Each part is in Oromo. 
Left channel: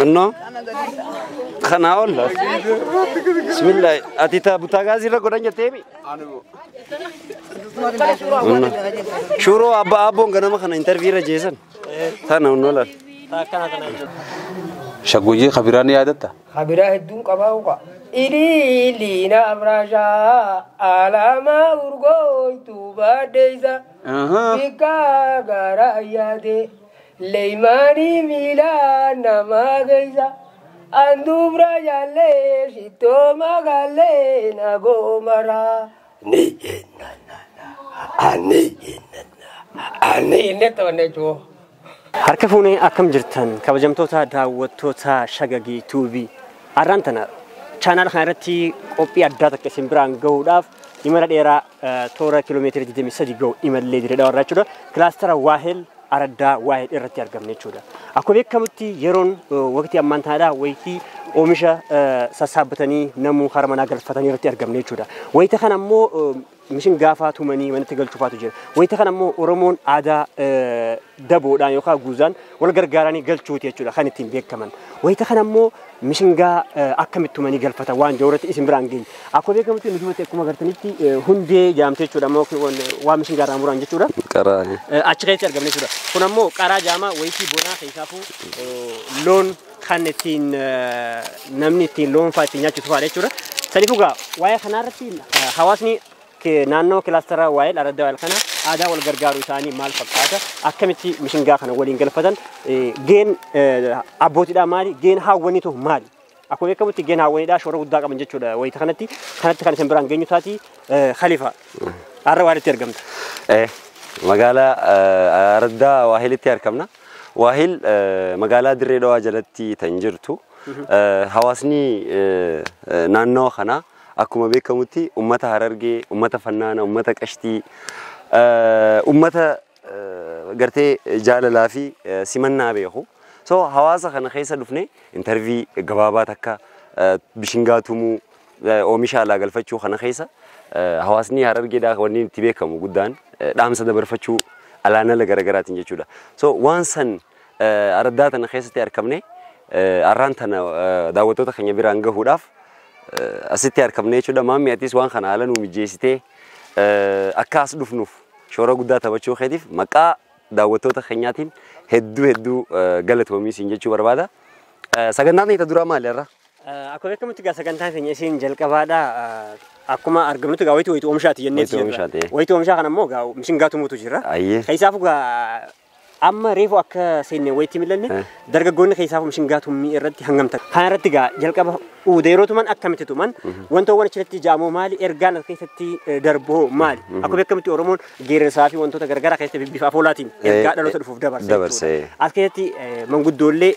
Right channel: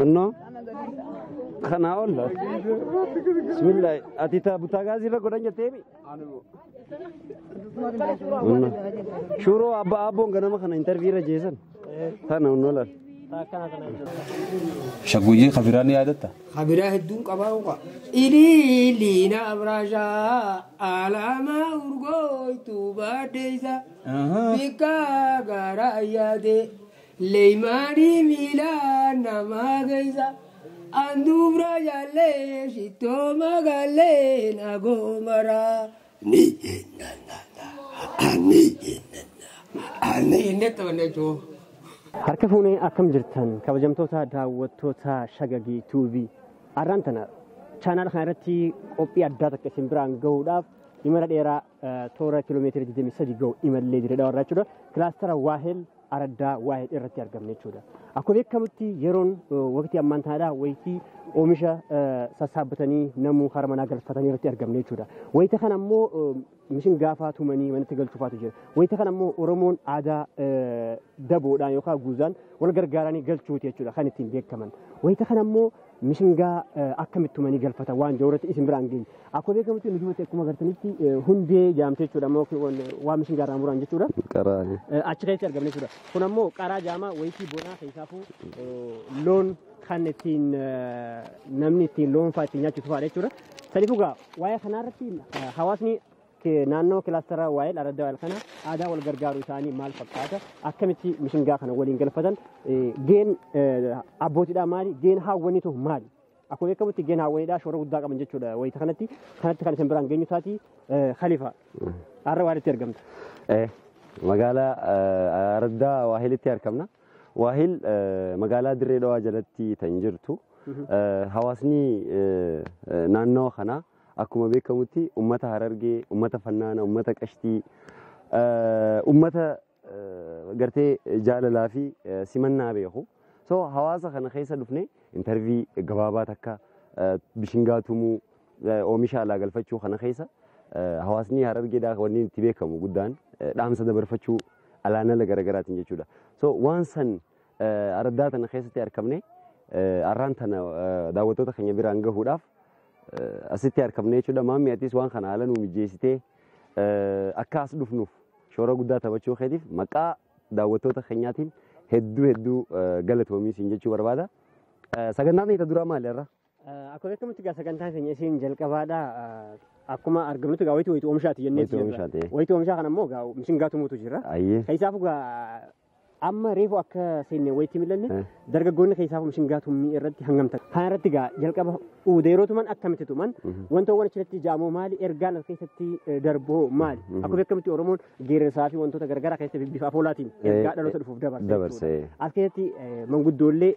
إنه خنا والله بسم الله أتيتا بوتاغازي لا قرنجة تيمي شورو أبو غنا ما خنا انترفيو جيسن ثانا ونولا شقوجي خبراني عادتها خبراه الدون قباوقا إلي لينا أبراشا على ما أرغوي توبا ديزا بكا غارا يادي ليماني ميلانا ما غيزا أندوم راجا لي شتو ما غالي نغو مرا نينا أني نتونجو harka fuunee akkam jirtan kabajamtoota daawwattoota shagagii tuubii arraantana chaanaal kana irratti qophii addaa takka isin biraan gahuudhaaf imala dheeraa toora kiiloomeetira 23 gahu imallee jira warra jechuudha kilaastara waahel araddaa waahel irratti argamne jechuudha akkuma beekamutti yeroon waqtii ammaan tanaadha wayitii oomisha sassaabbatanii namuu harmanaa galfatanii irratti argamne jechuudha wayita kana ammoo mishin gaafa tumanii wanti galchuufaatu jira wayita kana ammoo oromoon aadaa daboodhaan yookaan guuzaan wal gargaaranii galchuuti jechuudha kan ittiin beekaman wayita kana ammoo mishingaa akkamitti tumanii galfatan waan jawratti isin biraan geenye akkuma beekamutti nu dubbate akkuma agartanitti hundee jaamtee jechuudha ammoo waan mishingaa irraa muraan jechuudha qaraa achi keessatti argamne jechuudha kun ammoo qaraa jaamaa wayitii bonaa keessaafuu loon kan ittiin namni ittiin loon fa'aa ittiin nyaachisu fa'aa jechuudha saniifuu gaa waa'ee kanarratti hawaasni naannoo kilaastara waa'ee araddaa waa'ee kana aadaa wal gargaaruu isaanii maal fakkaata akkamitti mishingaa kana waliin galfatan geen abbootiidhaa maali geen haawwaniitu maali akkuma beekamutti geen haawwaniidhaa shoora guddaa qaban jechuudha wayita kanatti kan isin biraan geenyu taati khalifa har'a waalitti argamta magaalaa araddaa waahilitti argamna waahil magaalaa dirree dhawaa jalatti tan jirtu hawaasni naannoo kana akkuma beekamutti ummata harargee ummata fannaana ummata qashtii ummata gartee jaalalaa fi simannaa beeku so hawaasa kana keessa dhufne intervii gabaabaa takka bishingaa tumuu oomisha alaa galfachuu kana keessa hawaasni harargeedhaa wanni itti beekamu guddaan dhaamsa dabarfachuu alaanala garaagaraatiin jechuudha so waan san araddaa tana keessatti argamne arraan tana daawwattoota keenya biraan gahuudhaaf asitti argamne jechuudha maammi atis waan kana haala nuu mijeessitee akka as dhufnuuf shoora guddaa taphachuu keetiif maqaa daawwattoota keenyaatiin hedduu galatoomi isin jechuu barbaada sagantaan isa duraa maali irra akkuma beekamutti gaa sagantaan keenya isin jalqabaadha akkuma argamnutti gaa wayitii oomishaati jenneeti wayitii oomishaa kana ammoo gaa mishingaa tumuutu jira keessaafu gaa amma reefu akka seenne wayitii millanne dargaggoonni keessaafu mishingaa tummii irratti hangamta kana irratti gaa jalqaba udeerootuman akkamitti tuman wantoowwan achirratti jaamoo maali ergaan as keessatti darboo maali akkuma beekamutti oromoon geerarsaa fi wantoota garagaraa keessatti bifa afoolaatiin ergaa dhaloota dhufuuf dabarsa as keessatti manguddoollee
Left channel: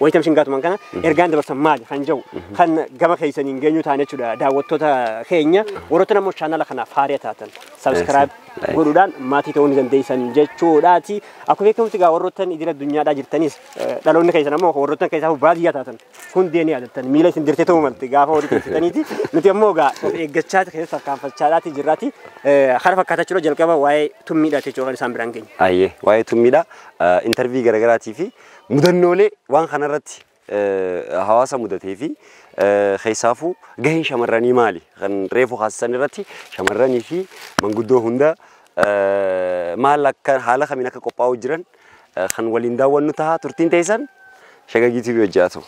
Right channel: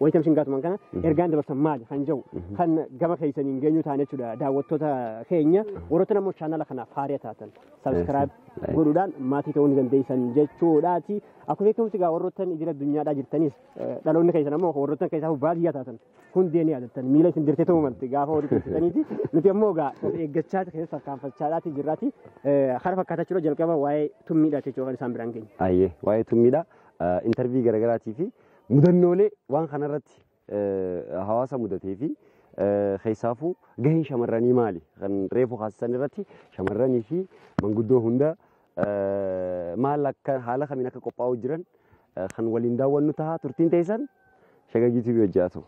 wayita mishingaa tuman kana ergaan dabarsan maali kan jiru kan gama keessaniin geenyu ta'an jechuudha daawwattoota keenya warroota namoo chaanala kanaaf haariya taatan subscribe godhuudhaan maatii ta'uu ni dandeessan jechuudhaati akkuma beekamutti gaa warroottan idil addunyaadhaa jirtanis dhaloonni keessan ammoo warroottan keessaafu baadiyyaa taatan hundee ni yaadattan miila isin dirtee ta'uu malte gaafa horii keessaniiti nuti ammoo gaa eeggachaati keessatti tarkaanfachaadhaati jirraati kana fakkaatachuu jalqaba waa'ee tummiidha jechuudha kan isaan biraan geenye. Ayyee waa'ee tummiidha intervii garaagaraatii fi mudannoolee waan kanarratti hawaasa mudatee fi keessaafu gaheen shamarranii maali kan reefu haasisan irratti shamarranii fi manguddoo hunda maal akka haala kamiin akka qophaa'u jiran kan waliin daawwannu ta'a turtiin teessan shagagii TV hojjaatu.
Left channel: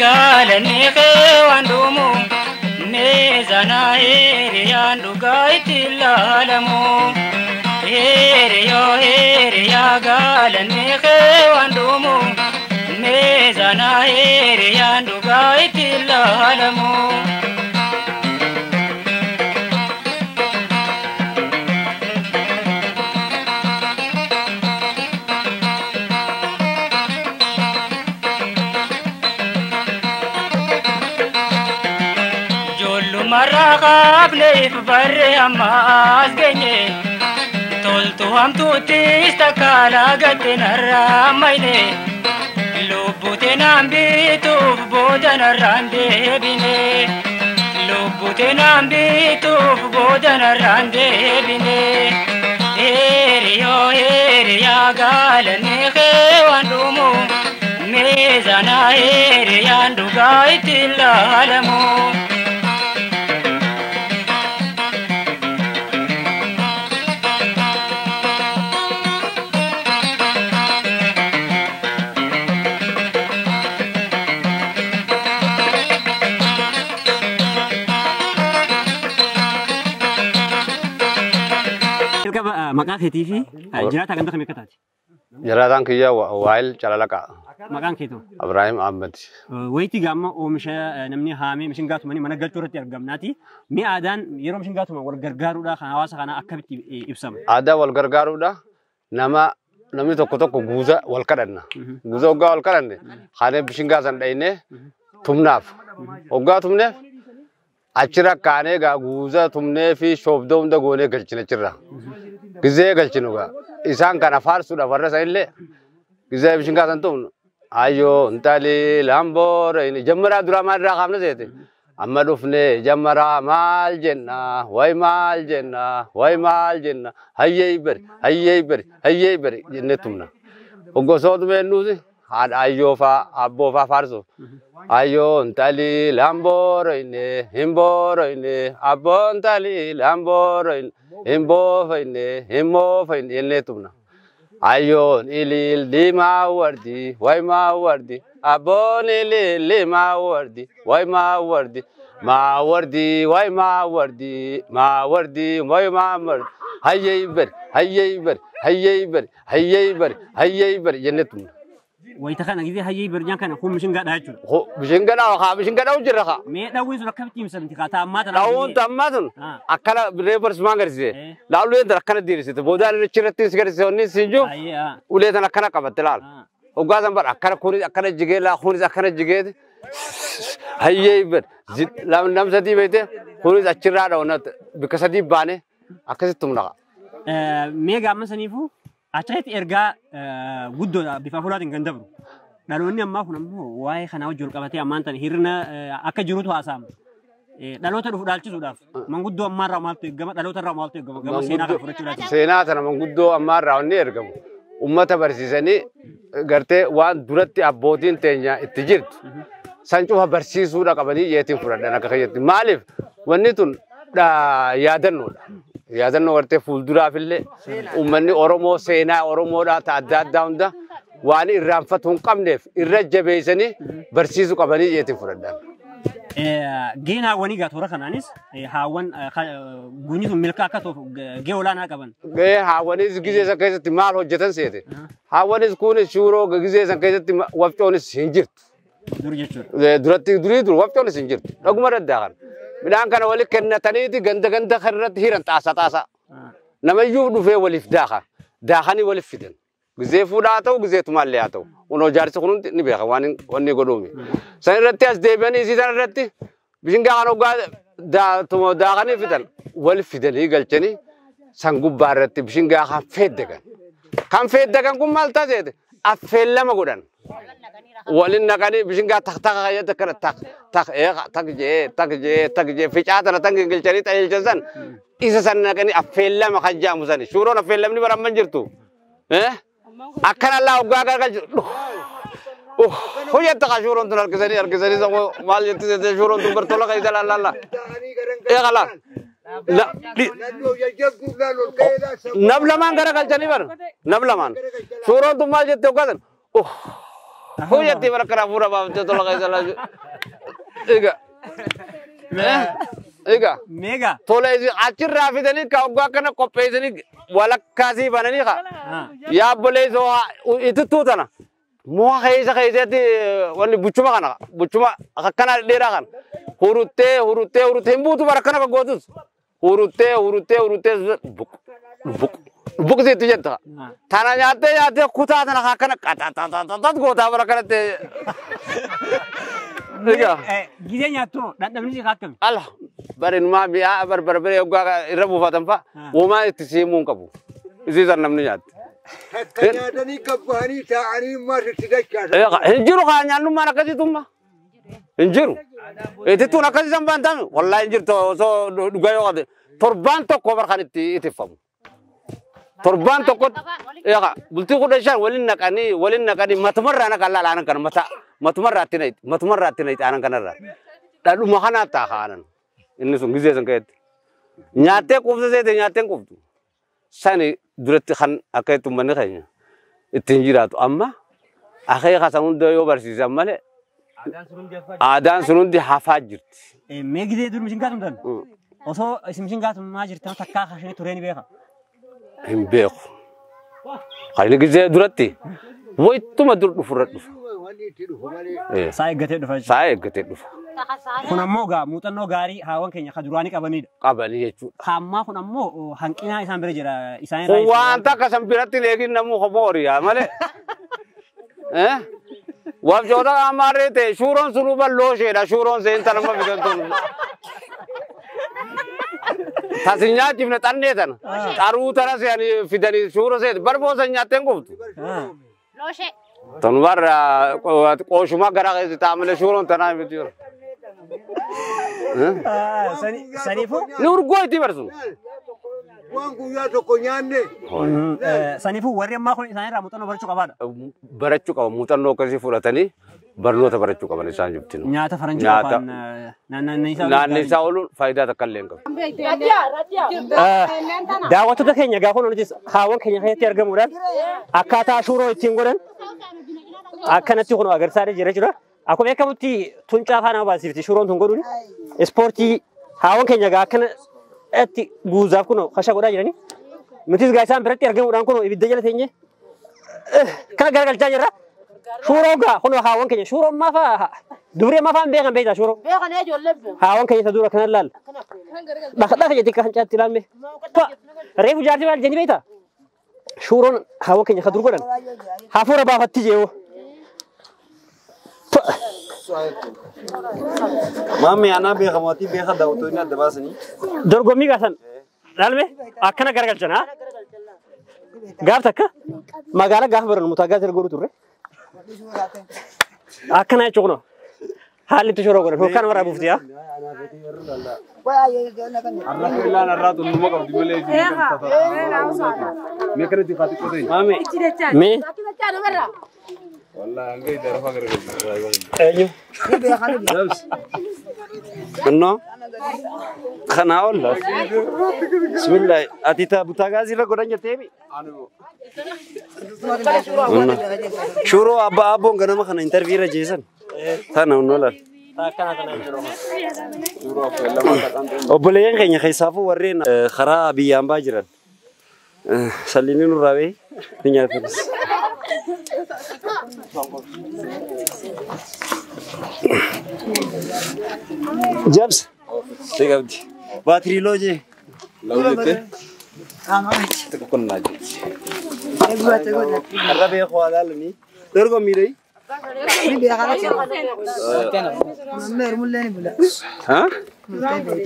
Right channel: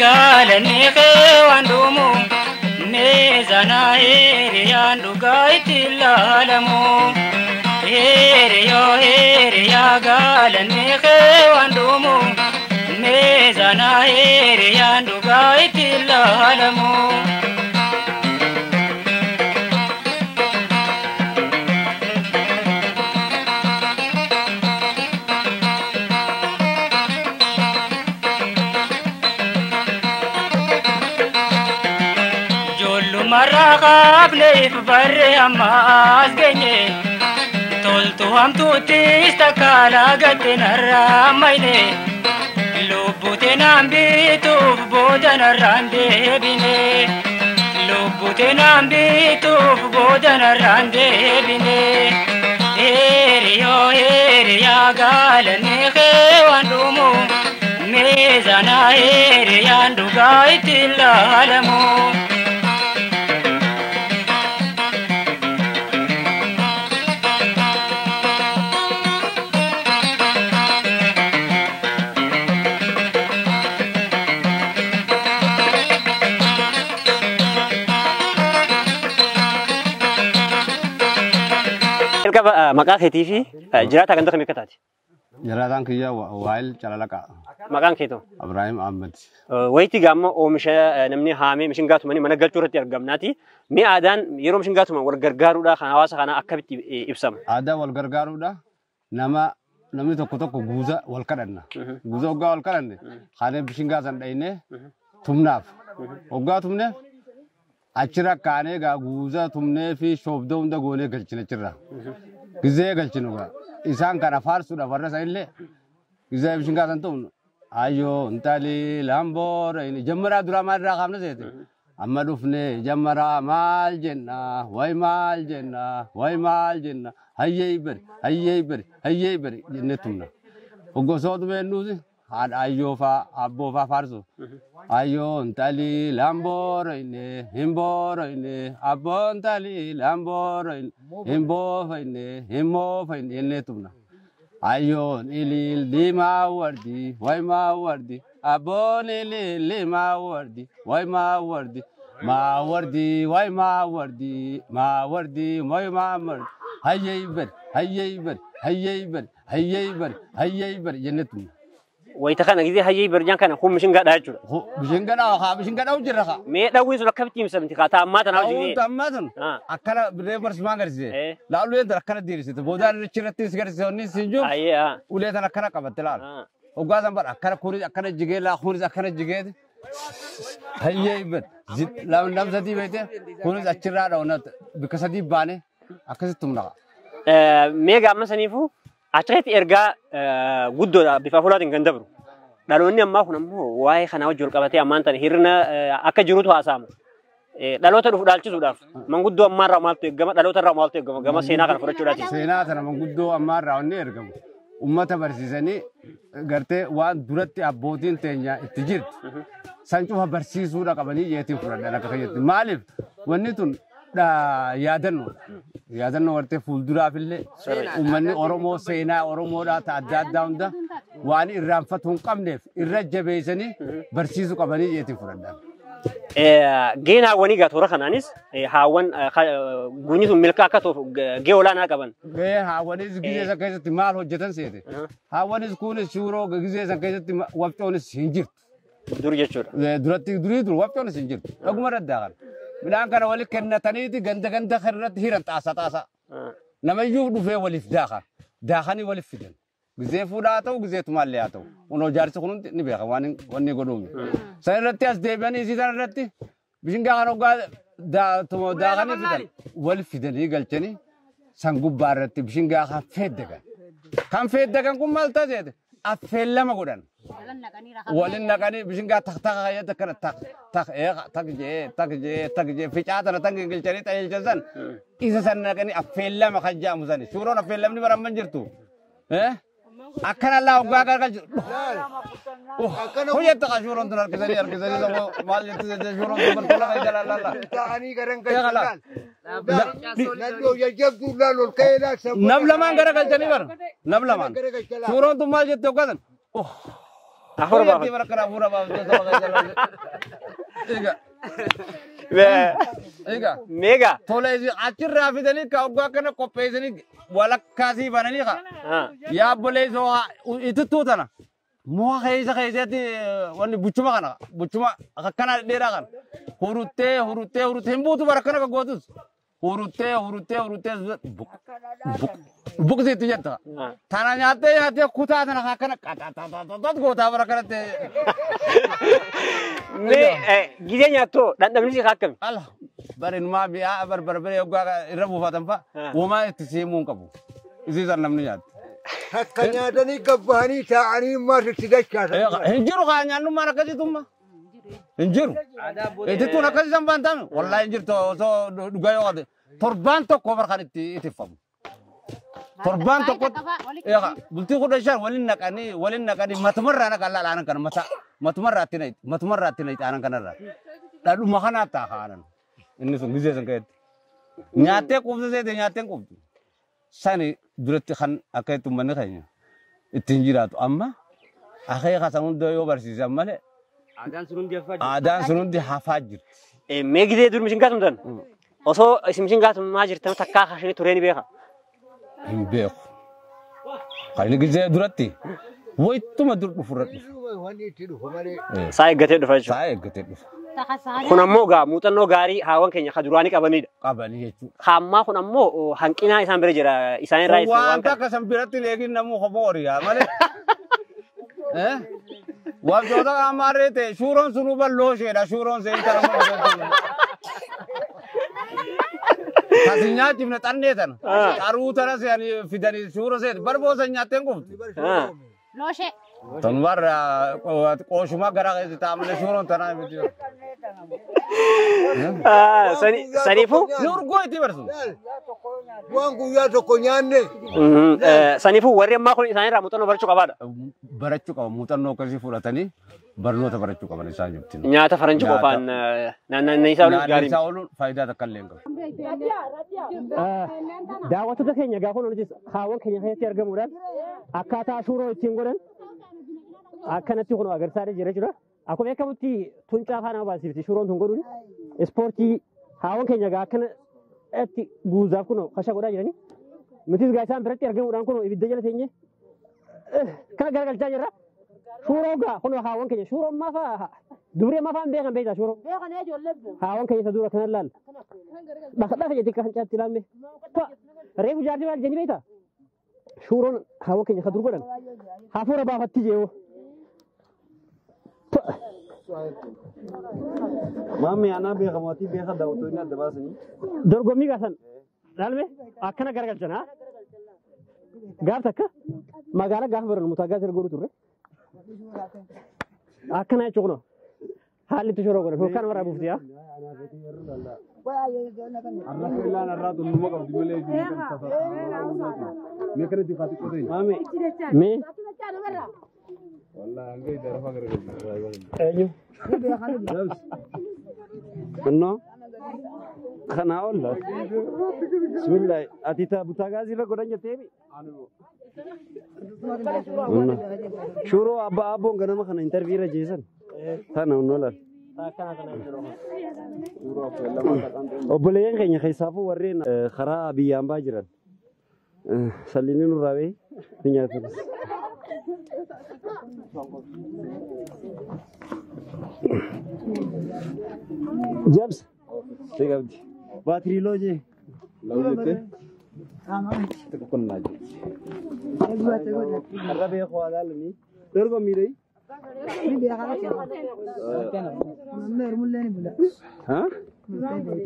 galani khewandumu mezana heriyandu gaitillalamu heriya galani khewandumu mezana heriyandu gaitillalamu marra qabneef barre ammaas geenye toltu hamtuuttis takkaala gatte narraa mayne lubbute naan bituuf booda narraan deebine lubbute naan bituuf booda narraan deebine Hiriyo hiriyaa gaalanii kee waan dhumu meezana hiriyaan dhugaa itti ilaalamu. Maqaa keetii fi jiraata kan tokko mirkataati. Jiraataan kiyya Waayil Calalaqa. Maqaan keetu? Ibrahim Ahmed. Wayitii gaamma oomisha namni haamee mishingaatumaan mana galchuu irratti argamnaati. Mee aadaan yeroo mishingaatumaan wal gargaaruudhaa kan hawaasa kanaa akkamitti ibsama? Aadaa wal gargaaruudhaa namni tokko guuza wal kadhanna. Guuza hoggaa wal kadhanne kaanee mishingaa san dhayinee tumnaaf. Hoggaa tumneef achirra kaanee guuza tumnee fi shoobdoo hunda goonee galchina achirra. Gizee galchinu isaan kana faarsuudhaaf warra isa illee gizee mishingaa san tumnu. Ayyoo intali lamboora inni jammaraa duraa maalirraa kaafna seete. Amma dhufne jammaraa maal jenna way maal jenna way maal jenna hayyee bari jennee tumna. Hoggosoota beennuuti haadha ayyoo faa abboo faa faarsu. Ayyoo intali lamboora inni himboora inni abboo intali lamboora inni himboofa inni jennee tumna. Ayoon ilil lima wardi way ma wardi abon ilil lima wardi way ma wardi way ma wardi way ma wardi hayyey ber jennetum wayta kana gidi hayyey ber jan kana kum mishinga daachura mishinga daw jirra kha me dawin sun akabti misamti khata ammata na ammatun akala reverse mangarse laulu endra kana dirisite bodan chirati sigarse onni sinju uletan akana qabatlal ogazan bar akana kuni akana jigela kuni akana jigede hayyey ber lam namsati bete kuni achira dawna bikasadi bane akasitumna mega masanifu achreet erga guddo bifa fulaatin kan dabru dhaloonni ammaa kun ammoo waa'ee kana wajjin qabatee ammaan tan hirna akka jirutu haasa'ama dhaloota dhufu dhaalchisuudhaaf manguddoo ammaarraa maaltu eegama dhaloota irraa maaltu eegama gama seenaa kana fudhachuudhaati seenaa tana manguddoo ammaarraa wanni ergamu ummata barsiisanii gartee waan duratti abbootiin teenya itti jirtu san cufa barsiisuudha qabanii yeetiin fudhadhan akka keeyyatti maaliif wanni tun yaadannoodha yaadannoo gartee fuulduraafillee ummanni Oromoo seenaa Oromoodhaa adda addaa hunda waan irraanfatu hin qabneef irra jabeessanii barsiisuu qabanii yeetiin fudhadhan. Geenaa wanii gaatoora kanaanis haawwan guunyi sun milkaa akka ta'uuf gahee olaanaa qaban. Haawwanis gizee san keessatti maal hojjetan seete haawwanis kunis shuuroo gizee san keessatti wafcoonis hin jirtu. Dur jechuudha. Durii dur wafcoonis hin jirtu. Dhuguma daddaa kana. Midhaan kana wali kennataniiti ganda kanarratti hiran taasa. Namayyuu dhufee waliif daakanii waliif fidan. Gizee fuudhaa haa ta'u gizee tumaallee haa ta'u. Unoo jaarsi kun ni beeka waan wanni godhuumi. San irratti as deebi'anii isii san irratti bishingaa kan hoggaa daakanii fidan waliif fidanii galchanii san gubbaa irratti bishingaa kan feeddagan. Kan feeddagan kun maal taasise affeellama godhan. Walin naqanii bishingaa tak kayyata kana tak jee ficaatana tan gilchanii xayeelchan san isa san naqanii affeellama kan jaamu sani shuuroon affeellamni baramman jirtu akkana allaa hoggaa gargalchu hoyyetta ka shuuroon tun harkisanii sako maal jetti shuuroon tun bartola kayyita laallalla eegala nab lamaan garagalchanii bar nab lamaan shuuroon tun maal jetti hoggaa san hoyyatti barakana fuura baafte tola kayyita laallalla eega mega tola isi achirraa fidanii ka hoggaa kana qopheessanii walakkaasii bananii ka yaabbolee soo itittuu tana mo'a keessatti wanni buchuma kana buchuma akkana dheeraa kana huruttee hin buutu barakana baggootus huruttee buqsiitti jetta tana nyaattee kutaa tana akkana qaxaxaxaxaxat gootaa barakanatti Gizee nyaattu dhandhamni si akkami? Allah barin ma biya barbare uga rabu fatanfa woma itisimu qabu isi zarnamni nyaat Kanyadani kabbani ta'ani ma sigacha injiru kanyanu marakati tumma injiru etitu nakati sambantan wallahi injir to so dugayo ade torban to ko barkhaniti itifam torban to ko ya bulti ko dashan walin nakani matmarra nakalla lanan kan matmarra tinait anan kanarra dadu mahana ta khanan inni sun gize san kayet nyaate ko se de nyaate ko sani duratti khan akaytu man khaynya itinjiratu amma akhay khasan do yo barsi zamale adan sunundi hafajir Megide dur mishin gatum dan. Oso mishin gatum majir tan takka khashini tureni beha. Imbeko khayni gize duratti woytuma dur dufurat duf Sai gate dufa. sai gate duf Kun ammoo gaa muuxannoo gaarii haawwan keenya kaduraanii qabanidha. qabani jechu Hammaa kun ammoo hanqina isaan bira jira isaan irraa wanta kasam biratti leegin namu khoboriya male wabjoda amarete shuron sunu ballo sheda shuron sen tanama bigantu tasinya jibna tanne tan taru taras yani fidani shuro se barbo sanya tengu Loshe. tanwar qoshuma gara tamale shuron tanama bitu Sanifu? nur goyti barsun Wangu ya to konyane Sanifu warri ammaa kun isaan irraa muuxannoo barachuu qabaadha. barachu qaba mutanno kasi fulatani barnota barachu qaban isaan jibtin Nyaata faranjii qofaan naannoo isaa naanne isaa olu faayidaa takkalleen qabu daawwattoota keenya gaafa nuti haawwan keenya keessatti argamuudhaan akkaataa shuuroo ittiin godhan akkanatti kun agarsiisaa jira jechuudha. Akkuma beekamutti tuncaa faana baasifti shuuroon tun godhuun ispoortii haawwan keenya gaa akkanatti guuzaaf kun kasha godhaa jirani. Nutis gaa isaan biratti argamuudhaan kun ibidda jala teenye kana garagalchaa jirra. Shuuroo gaa kun haawwan keenya shuuroo maafa dubree maafaan beekan beektaa shuuroo. Haawwan keenya isa dura kana laal. Dhaqdhaa jetti kan caatti laamme. Reefu jaartii maal jenni beektaa? Shuuroon haawwan keenya ka dur godhan hafuura baafatti jeewo. Mami ana beekamati beeka daawwattoonni adda baasanii. Dorgommii gaasan dhaalme akkana garagalchan haa. Gaaf takka magaalaa gaafa baran mutaagaa sirra godhu turre. Akkana jechuun kunoo haalli itti shoroo godhan hokkaan maraa buufti haa. arrafillaan arraatu numa qabdi malee mee kana difaati qote Mami mee wallahi angay darafa garagalu eenyu Kunno kana olla. Bismillah atita butaagaa sirra godhan jetteemi. Shuroo abbaa abboon ganama kana interview irra jeesan. Tana unnolan. Obboleeyyan keenya keessaafuu warreen karaa biyyaan baa jiran. Salliin nurraa bee ni nyaatanis. Jabs. Tegabdi. Baatirii loojee. lawlete tekokonna je Arra beekoo alaalanii. Dorgommiidhee. ha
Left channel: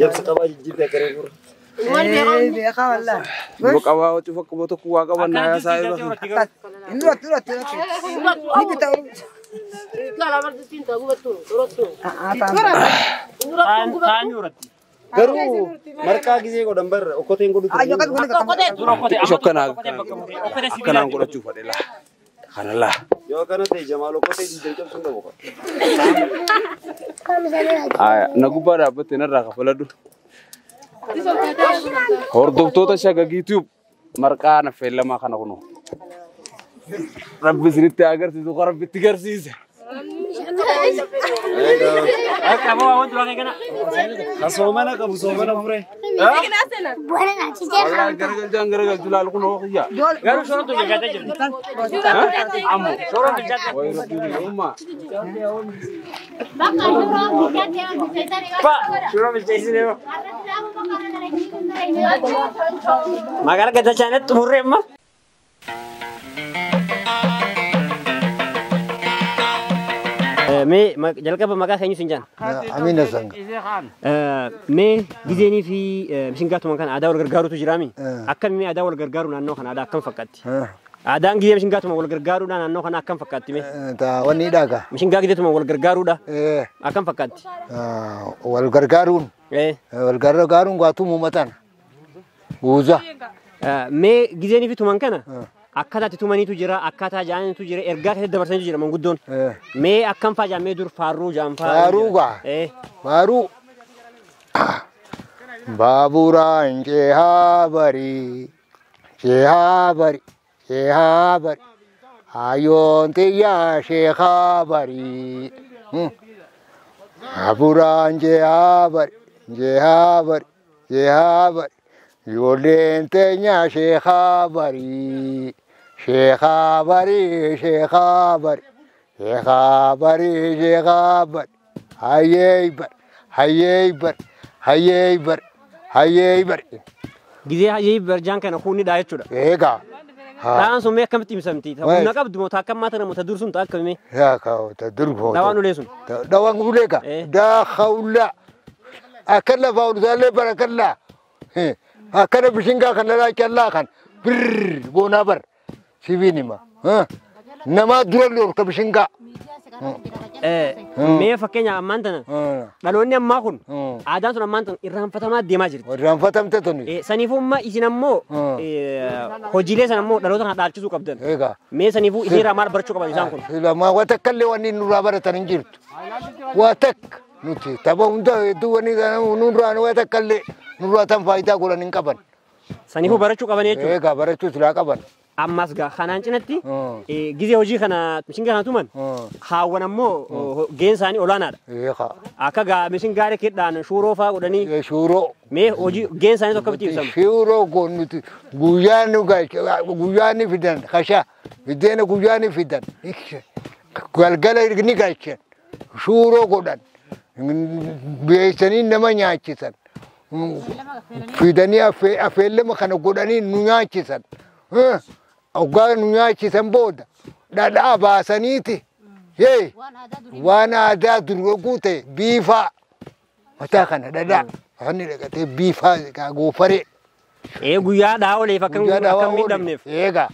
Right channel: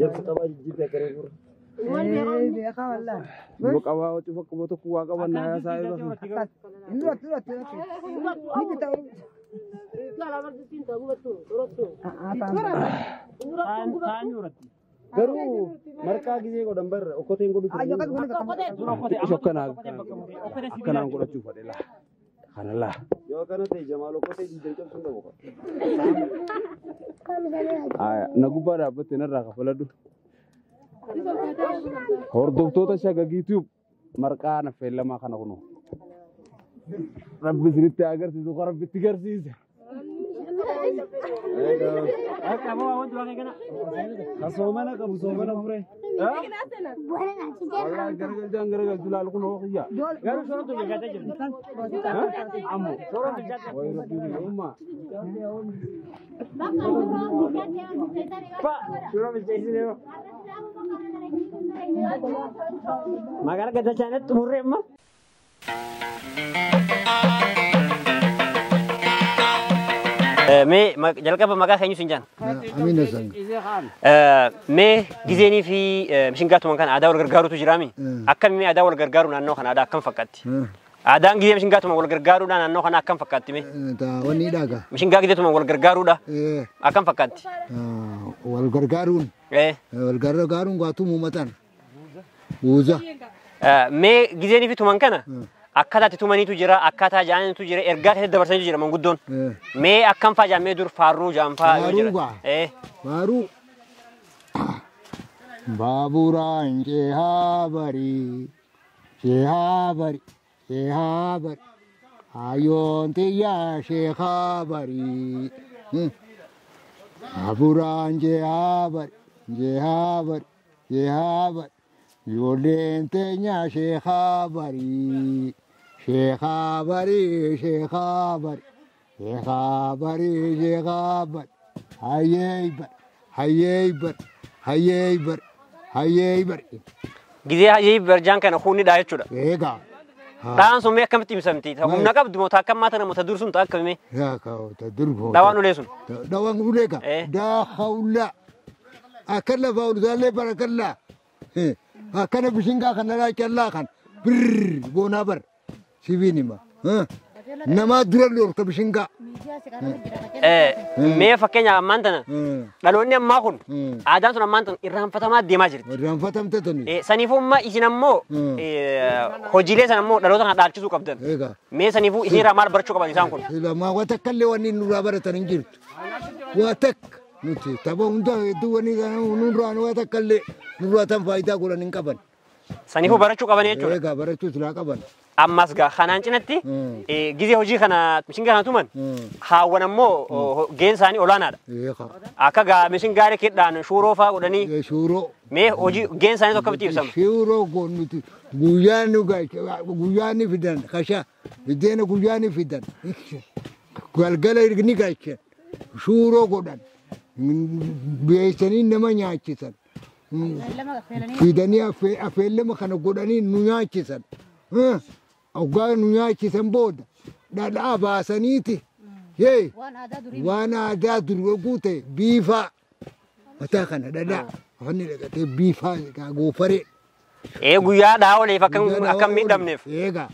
Jabs qabaa jijjiirraa garee gurra. bukawa watu fakkuboto kuwa qabanna ya saayiba Garuu marqaa gisee godhan barra okkoteen godhu ture. shokkana kana godhachuu fadhela kanalla Yoo kana ta'e Jamaal okkotee diidan cabsuun qabu. aya nagubba dhaabatte narraa kafaladhu hordoftoota shagagiitu marqaa na feellamaa kana kuno rabbi isinitti agarsiisu ko rabbitti garsiise Soomana qabu soomana fure. wallahi garagalchu laal kuno xiyya garuu shorootu bilchaatee jirti. ammo Shorootu bilchaatee. way rabbi umma Shuroo bilcheessinee moo. Magaalaa Gadachaanetti xumurree amma. مي جلك بمكان خيني سنجان أمين الزن مي جزيني في مشينجات مكان عداول غرغارو تجرامي أكم مي عداول غرغارو نانو خن عدا كم فكتي عدان جزيني مشينجات مكان غرغارو نانو خن أكم فكتي مي تا وني داغا مشينجات جزيني مكان غرغارو دا أكم فكتي والغرغارون والغرغارون قاتو ممتان بوزا مي جزيني في تومان كنا أكثر تتومني تجرا أكثر جاني تجرا إرجع هذا برسالة تجرا من قدون مي أكم فاجا مي دور فارو جام فارو فارو بابورا إنجي هابري شهابري أيون تيا شهابري بابورا إنجي هابري يولين تيا شهابري هيبر جزيها هيبر جان كان أخوني دايت شو ده إيجا تان سومي كم تيمسمتي ونقاب دموتا كم ما تنا متدرسون تأكل مي يا كاو تدرسون دوانو ليسون دوانو ليكا دا خولا أكلا فاول زال بركلا أكلا بشينكا كلا لا كلا كان بر بونابر سيبيني ما نما دولور كبشينكا مي فكينيا أمانتنا لأنه ما كون عادات أمانتنا إرهام فتما ديماجر إرهام فتم تتوني سنيفو ما إسنامو هجيلة سنامو لأنه هذا أركيزو كابدن مي سنيفو إسي رامار برشوا كابدن إسام كون لا ما واتكلم واني نورابر تنجيرت واتك نوتي تبا هندا دواني كنا نوران واتكلم نوراتم فايدة كولا نكابن سنيفو برشوا كابدن يجوا إيجا برشوا سلا كابن أماس جا خنان جنتي جزء هجي خنا مشين خنا تومن خاونا مو جين ساني أولانا أكا جا مشين غاري كده شورو فا ودني شورو مي هجي جين ساني تو كبتي بسام شورو كونتي غويانو غاي غوياني فيدان خشا فيدان غوياني فيدان قالقلا يغني غايش شورو كودان بيسني نما نياچيسن فيداني أفعل ما خنا كوداني نياچيسن أوغان نياچي سنبودا دا باسانيتي هي وانا دا دروغوتي بيفا وتاخنا دا هني لغتي بيفا كاغو فري ايه غيا داولي فكن كم ميدم نيف ايغا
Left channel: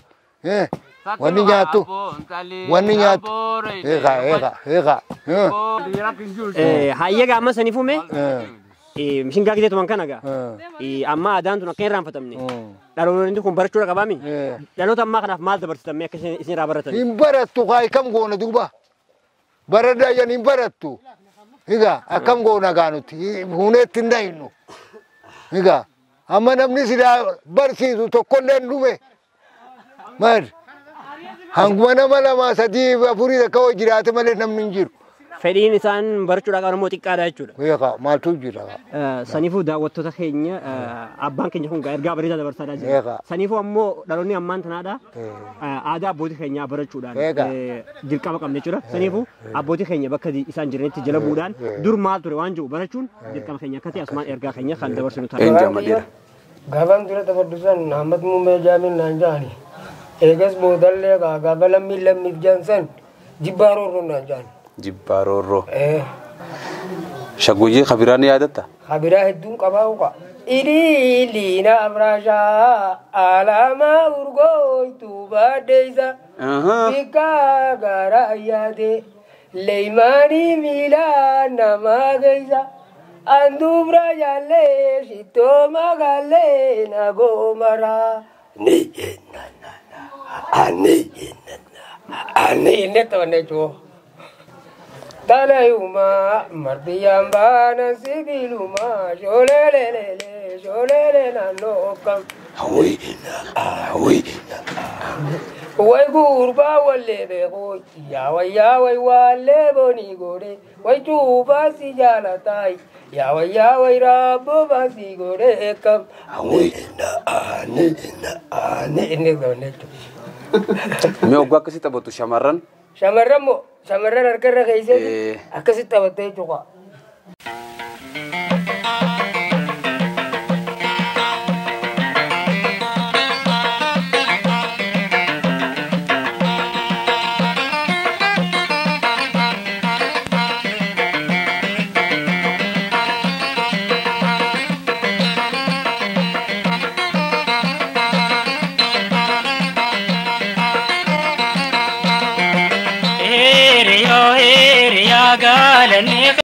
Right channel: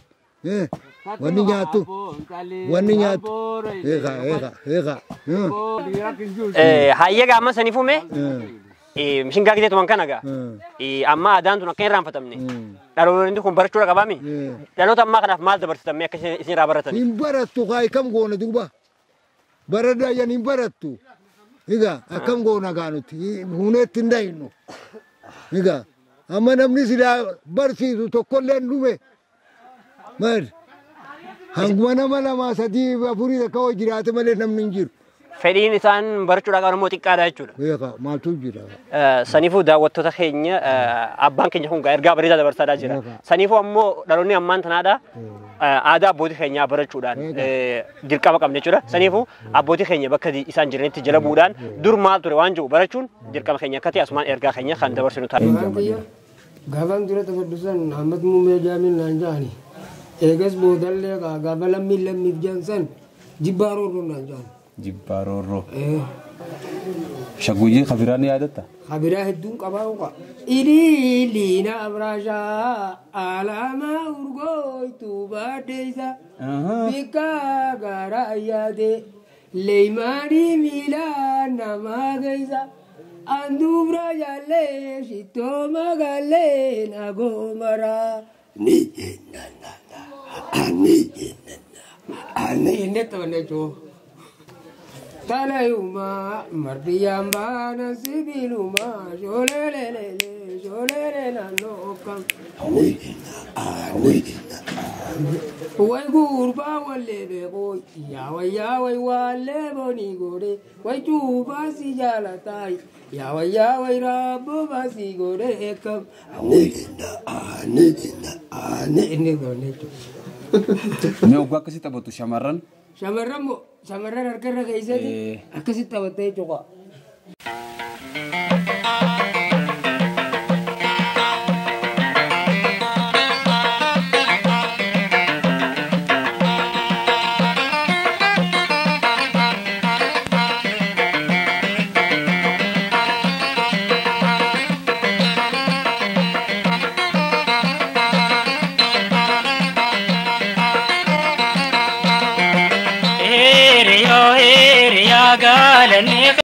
واني نياتو ايغا هايغا ما سنيفو مي مشين غا كده توان كانغا اما ادان تو كين رام فتمني دارو ندي كون برچو رغبامي دانو تما كنا مال دبرتم مي كسي سي رابرتن امبرتو غاي كم غونا دوبا بردا يا امبرتو هيغا كم غونا غانوتي هونت نداينو هيغا اما نمني سيدا برسي تو كولن دومي مر هانغوانا مالا ما سدي افوري كاو جيرات مال نمنجير فدين إنسان برشوا لقى موتي كذا يجور. وياك ما توجيرا. سنيفو دا وتوتا خينيا أبان كنيه هون غير قابري دا برسالة جرا. سنيفو أمو داروني أمان تنادا ada bodi khenya barachudan dirkaba kamne chura sanifu abodi khenya bakadi isan jirneti jala budan dur mal tur wanju barachun dirkaba khenya kati asman erga khenya khan dabar sunu ta enjamadira gaban dura tabaddusan ahmad mume jamin nanjani egas bodalle ga gabalam millam mibjansan jibaroro nanjani jibaroro shaguji khabirani adata khabira hedun qabauqa ili lina abrasha alama urgo tuba deiza bika garayade leimani mila namageiza andumra yale shito magale nagomara ne ane neto nejo Talayuma mardiyamba nasibiluma sholele na nokam Wai gurba wale bego ya wai wale boni gore wai tuba si jalatai ya wai rabo basi gore kam ane done me ogwa kasi tabotu shamaran Shamarran harkarra keessa akkasitti taphattee jechuudha.